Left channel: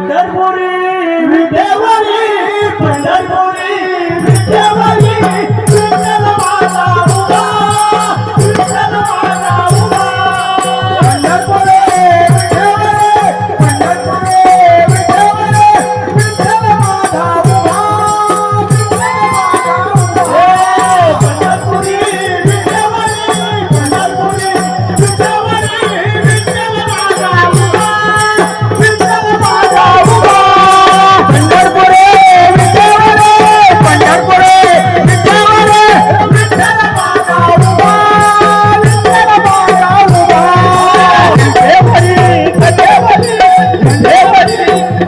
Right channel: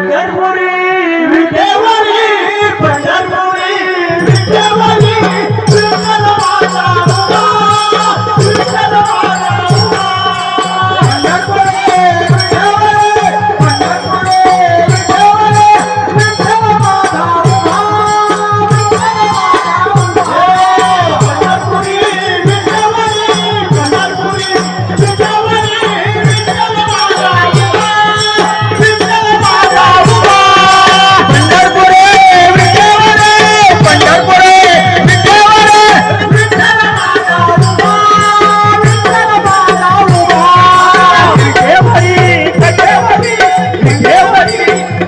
पंढरपुरी विठेवरी पंढरपुरी विठेवरी विठ्ठल माझा उभा विठ्ठल माझा उभा पंढरपुरी विठेवरी पंढरपुरी विठेवरी विठ्ठल माझा उभा पंढरपुरी विठेवरी पंढरपुरी विठेवरी विठ्ठल माझा उभा विठ्ठल माझा उभा पंढरपुरी विठेवरी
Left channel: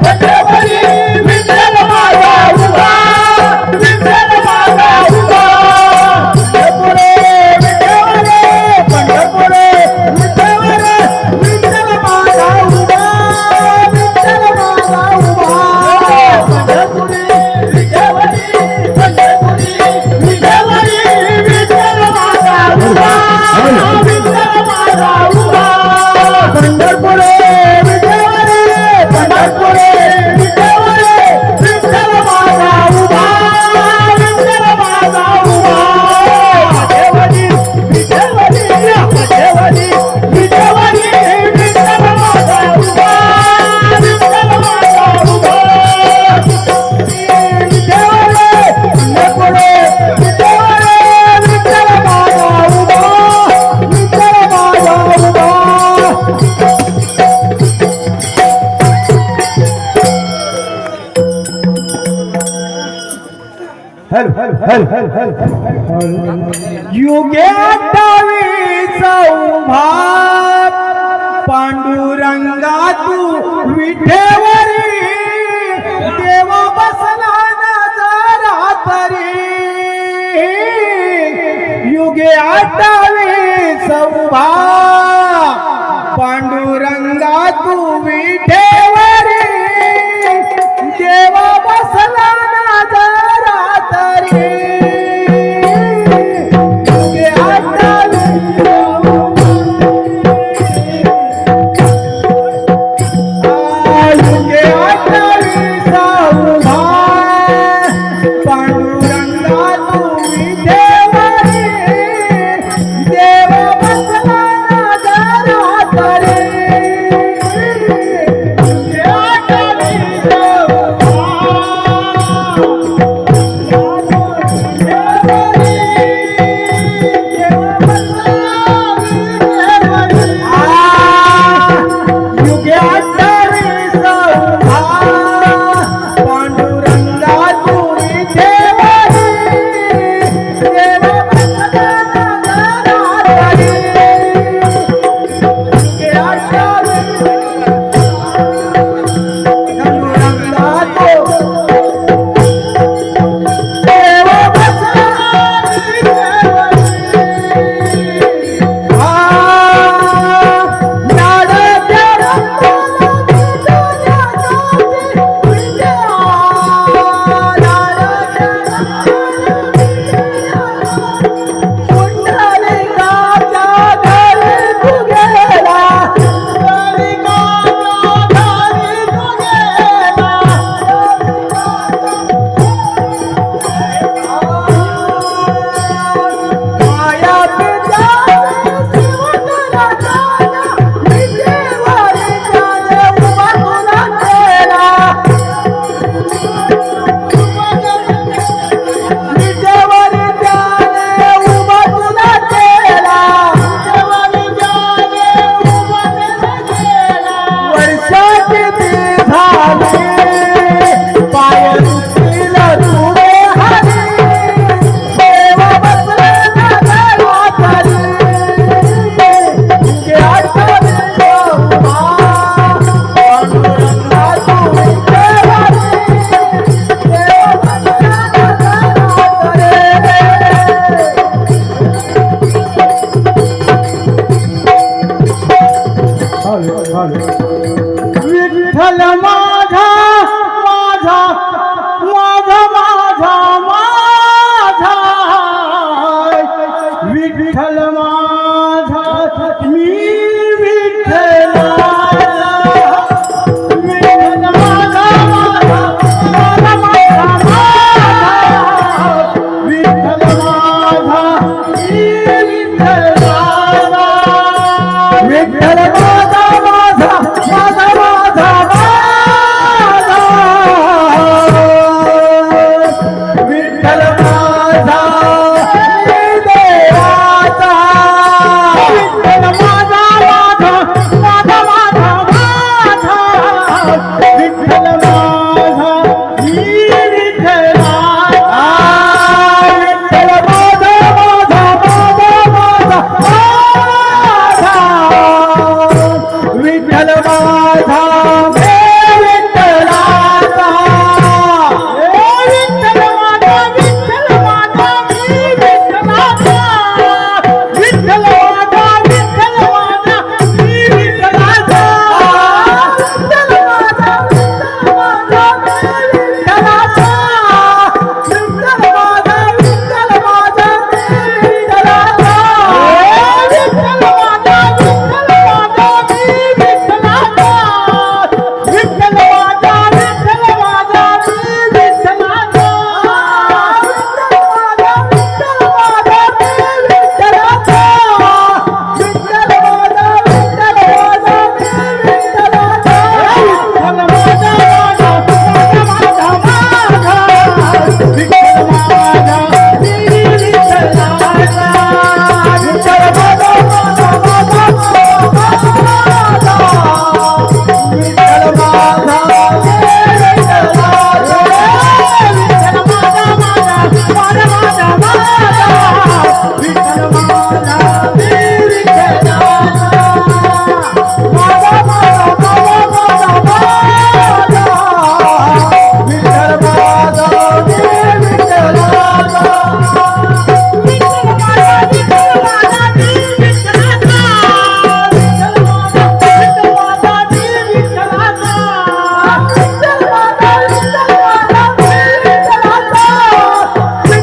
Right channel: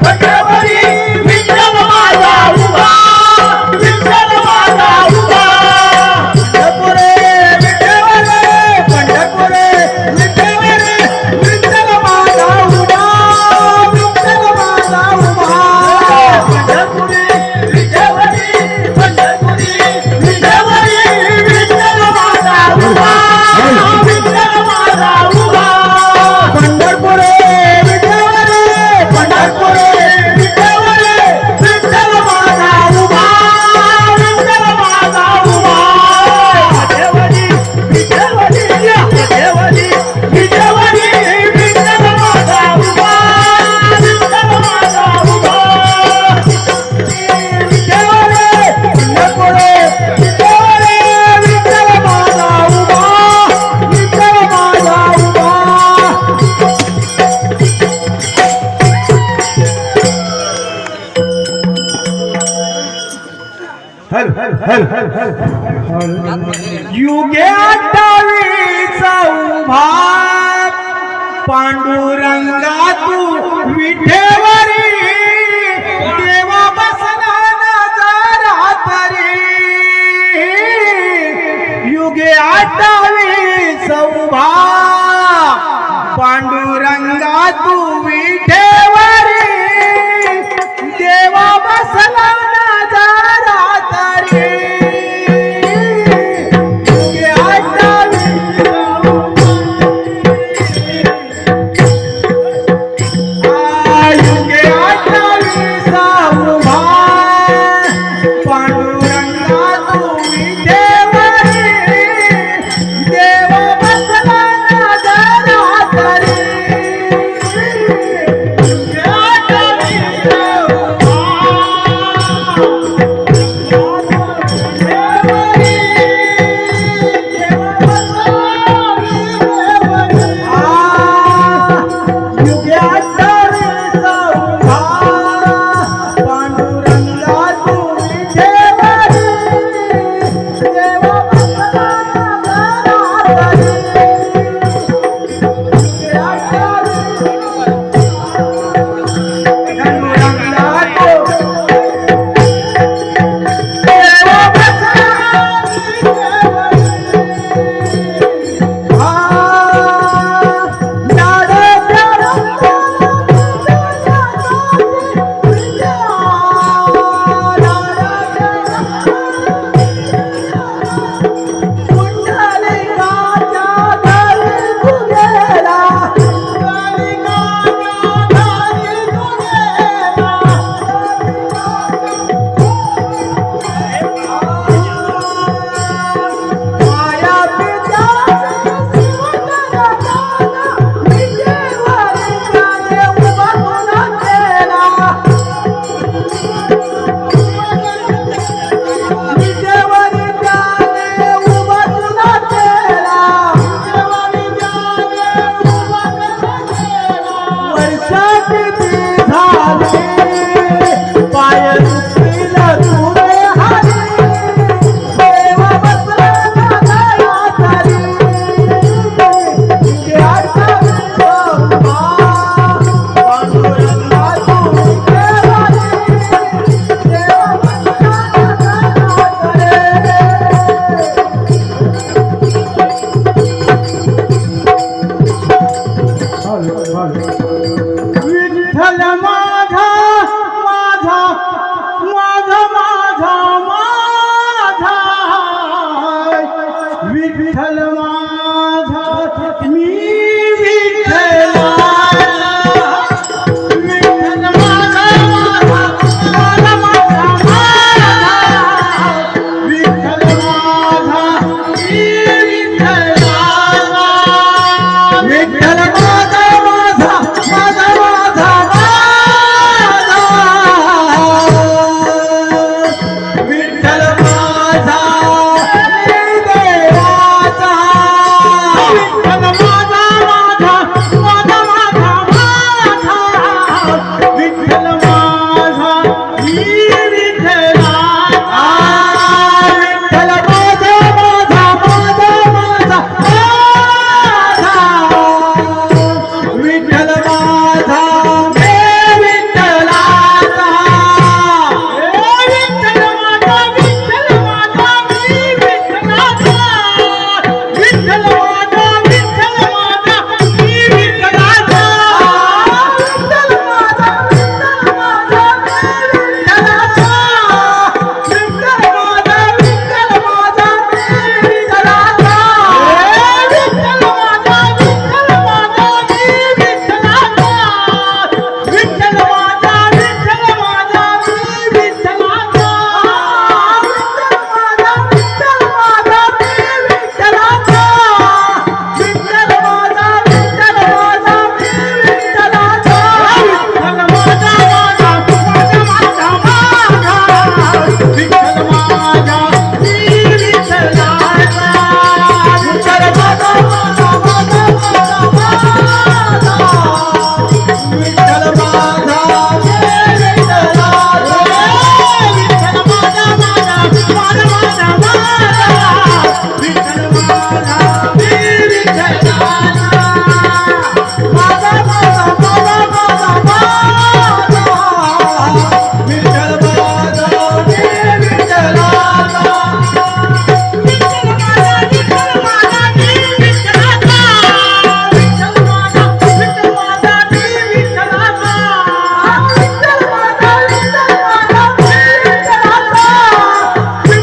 पंढरपुरी विठेवरी विठ्ठल माझा उभा विठ्ठल माझा उभा विठेवरी विठेवरी विठेवरी विठेवरी विठ्ठल माझा उभा विठ्ठल माझा उभा पंढरपुरी विठेवरी पंढरपुरी विठेवरी विठ्ठल माझा उभा विठ्ठल माझा उभा पंढरपुरी विठेवरी पंढरपुरी विठेवरी विठ्ठल माझा उभा विठ्ठल माझा उभा पंढरपुरी विठेवरी पंढरपुरी विठेवरी विठ्ठल माझा उभा विठ्ठल माझा उभा विठेवरी विठेवरी विठेवरी विठेवरी विठ्ठल माझा उभा विठ्ठल माझा उभा विठेवरी पंढरपुरी विठेवरी विठ्ठल माझा उभा विठ्ठल माझा उभा युगे 28 उभा पांडुरंगा तू विठेवरी देवा बसला नजरा तरी युगे 28 उभा पांडुरंगा तू विठेवरी देवा बसला नजरा तरी युगे 28 युगे 28 उभा पांडुरंगा तू विठेवरी देवा बसला नजरा तरी युगे 他。